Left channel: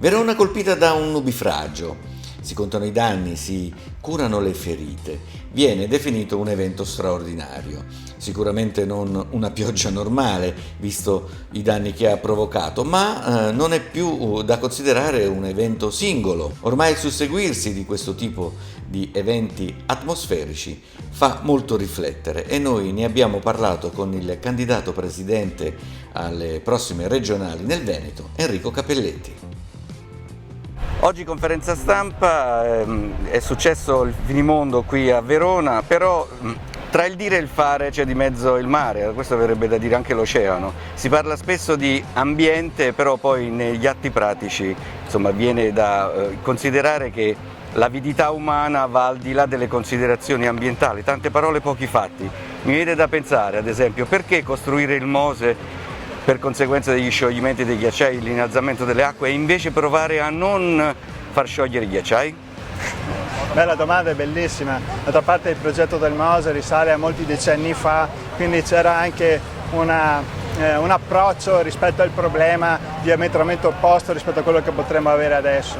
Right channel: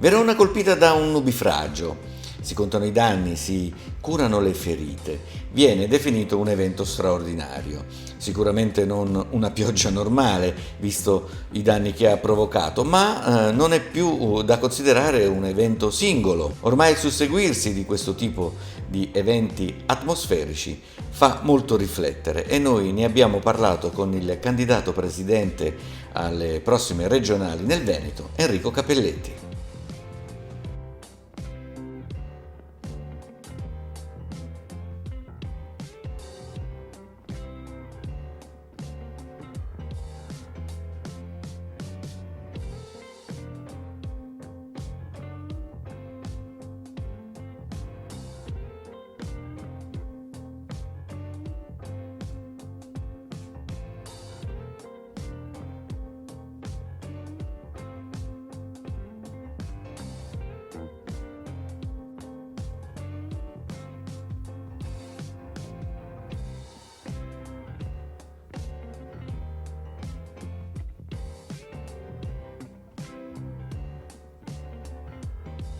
Verona colpita da un nubifragio. Si contano i danni, si curano le ferite. Viene definito un evento straordinario. Sicuramente non una pioggia normale, visto i danni che ha provocato, ma non è più da considerare un evento singolo. Ormai il susseguirsi di questo tipo di eventi atmosferici fa molto riflettere e noi ne abbiamo parlato con il candidato presidente alle prossime regionali nel Veneto, Enrico Capelletti. Oggi conferenza stampa, è successo il finimondo qui a Verona, però tra il dire e il fare c'è di mezzo il mare, questo verrebbe da dire anche l'oceano. Si parla spesso di ambiente, però poi negli atti pratici viene da considerare che l'avidità umana va al di là delle considerazioni ambientali, tante parole, pochi fatti. Mi viene da pensare, ad esempio, perché costruire il Mose per conseguenza degli scioglimenti dei ghiacciai, l'innalzamento delle acque, e invece provare a non far sciogliere i ghiacciai? Beh, la domanda è bellissima. D'altra parte il progetto del Mose risale a molti decenni fa, quindi c'era anche un approccio rispetto al problema diametralmente opposto rispetto a quello che potremmo avere adesso.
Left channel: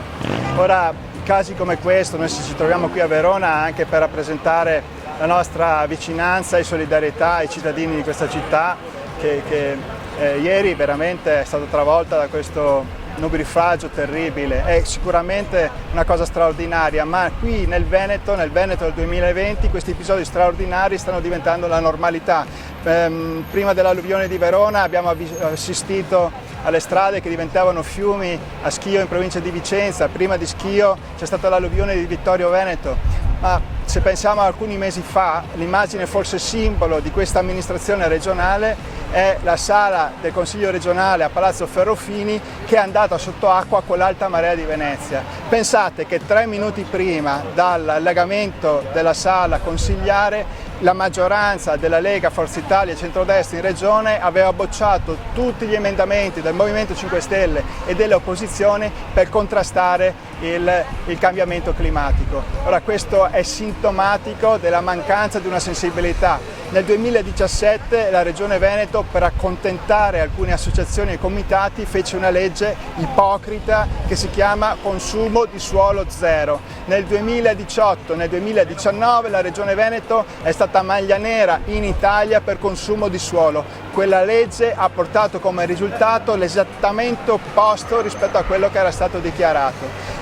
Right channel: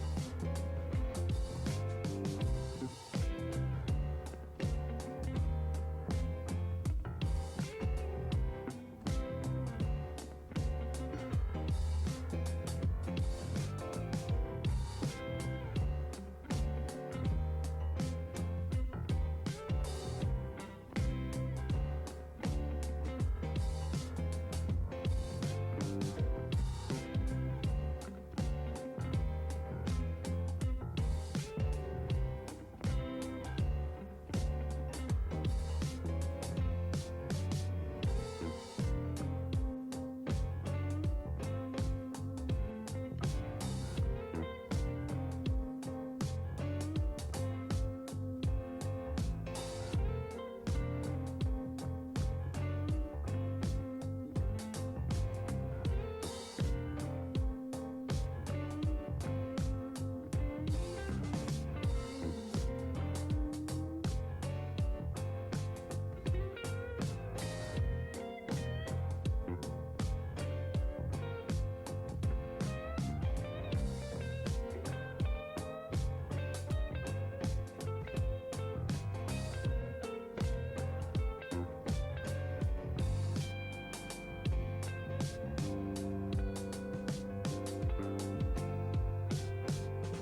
Ora, casi come questo, noi ci troviamo qui a Verona anche per rappresentare la nostra vicinanza e solidarietà ai cittadini di questa città che ieri veramente è stata travolta da questo nubifragio terribile. È sicuramente una cosa straordinaria, ma qui nel Veneto del 2020 questi episodi straordinari stanno diventando la normalità. Prima dell'alluvione di Verona abbiamo assistito alle strade che diventavano fiumi a Schio in provincia di Vicenza, prima di Schio c'è stata l'alluvione di Vittorio Veneto. Ma se pensiamo a alcuni mesi fa, l'immagine forse simbolo di questa amministrazione regionale è la sala del Consiglio regionale a Palazzo Ferrofini che è andata sotto acqua con l'alta marea di Venezia. Pensate che 3 minuti prima dall'allagamento della sala consigliare la maggioranza della Lega, Forza Italia e Centrodestra in regione aveva bocciato tutti gli emendamenti del Movimento 5 Stelle e delle opposizioni per contrastare il cambiamento climatico. Ora questo è sintomatico della mancanza di una sensibilità. Nel 2017 la Regione Veneto, per accontentare alcune associazioni e comitati, fece una legge ipocrita che si chiama consumo di suolo zero. Nel 2018 e nel 2019 la Regione Veneto è stata maglia nera in Italia per consumo di suolo. Quella legge ha portato come risultato l'esattamente opposto rispetto a quello che era stato dichiarato.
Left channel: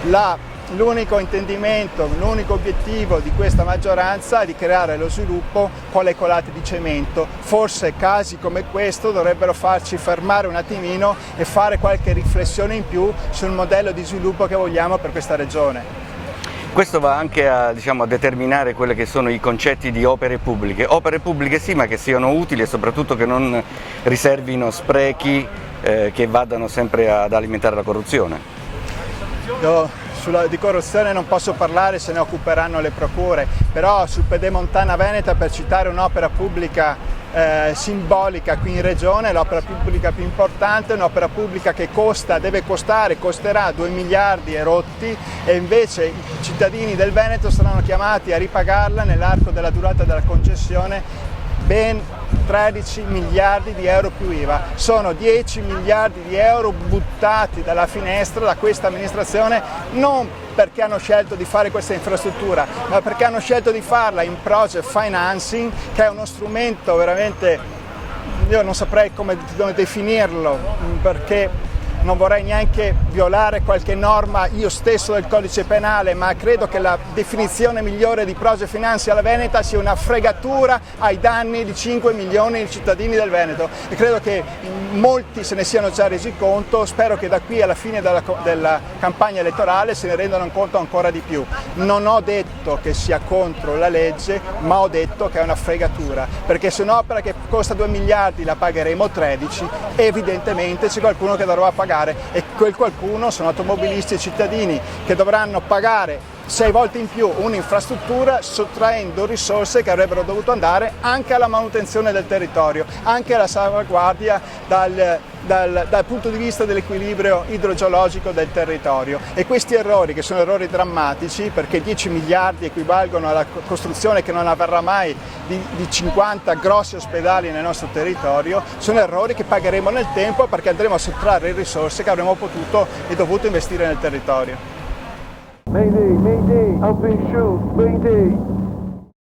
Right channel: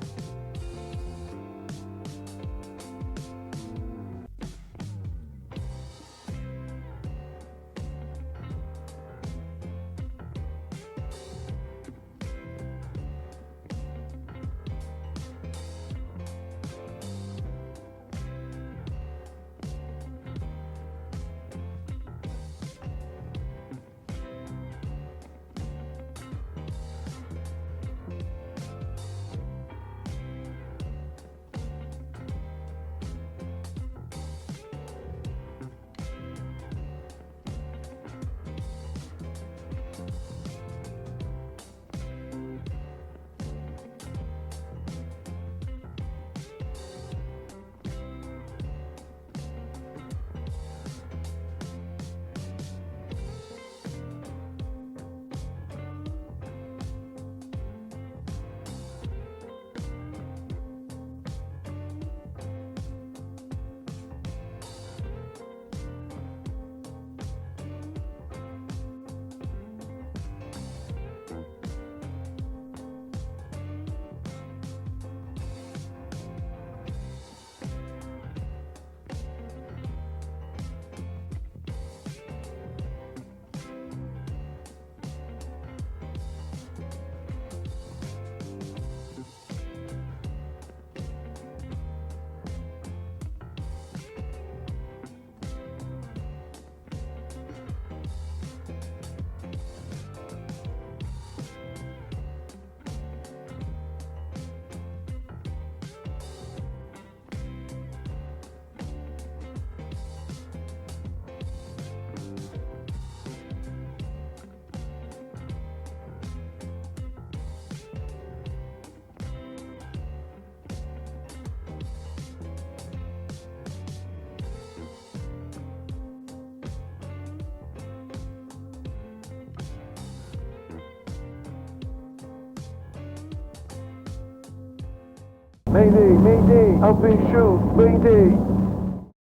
L'unico intendimento, l'unico obiettivo di questa maggioranza è di creare lo sviluppo con le colate di cemento. Forse casi come questo dovrebbero farci fermare un attimino e fare qualche riflessione in più sul modello di sviluppo che vogliamo per questa regione. Questo va anche a determinare quelli che sono i concetti di opere pubbliche sì, ma che siano utili e soprattutto che non riservino sprechi che vadano sempre ad alimentare la corruzione. Di corruzione non posso parlare, se ne occuperanno le procure, però su Pedemontana Veneta, per citare un'opera pubblica simbolica qui in regione, l'opera pubblica più importante, un'opera pubblica che costerà 2 miliardi e rotti, e invece i cittadini del Veneto saranno chiamati a ripagarla nell'arco della durata della concessione ben 13 miliardi di euro più IVA. Sono 10 miliardi di euro buttati dalla finestra da questa amministrazione, non perché hanno scelto di fare questa infrastruttura, ma perché hanno scelto di farla in project financing, che è uno strumento veramente, io non saprei come definirlo, perché non vorrei neanche violare qualche norma io stesso del codice penale, ma credo che la definizione migliore di project financing alla Veneta sia una fregatura ai danni di 5 milioni di cittadini del Veneto, e credo che molti se ne siano già resi conto. Spero che da qui alla fine della campagna elettorale se ne rendano conto ancora di più. Non ho detto che sia contro la legge, ma ho detto che è una fregatura, perché se un'opera che costa 2 miliardi la pagheremo 13, evidentemente c'è qualcuno che dovrà pagare, e quel qualcuno sono automobilisti e cittadini che dovranno pagare 6 volte in più un'infrastruttura, sottraendo risorse che avrebbero dovuto andare anche alla manutenzione del territorio, anche alla salvaguardia dal punto di vista dell'equilibrio idrogeologico del territorio. E questi errori, che sono errori drammatici, perché 10 miliardi equivalgono alla costruzione che non avverrà mai di 50 grossi ospedali nel nostro territorio, sono errori che pagheremo nel tempo, perché andremo a sottrarre risorse che avremmo potuto e dovuto investire nel territorio. Mayday, Mayday, up and shoot, Mayday.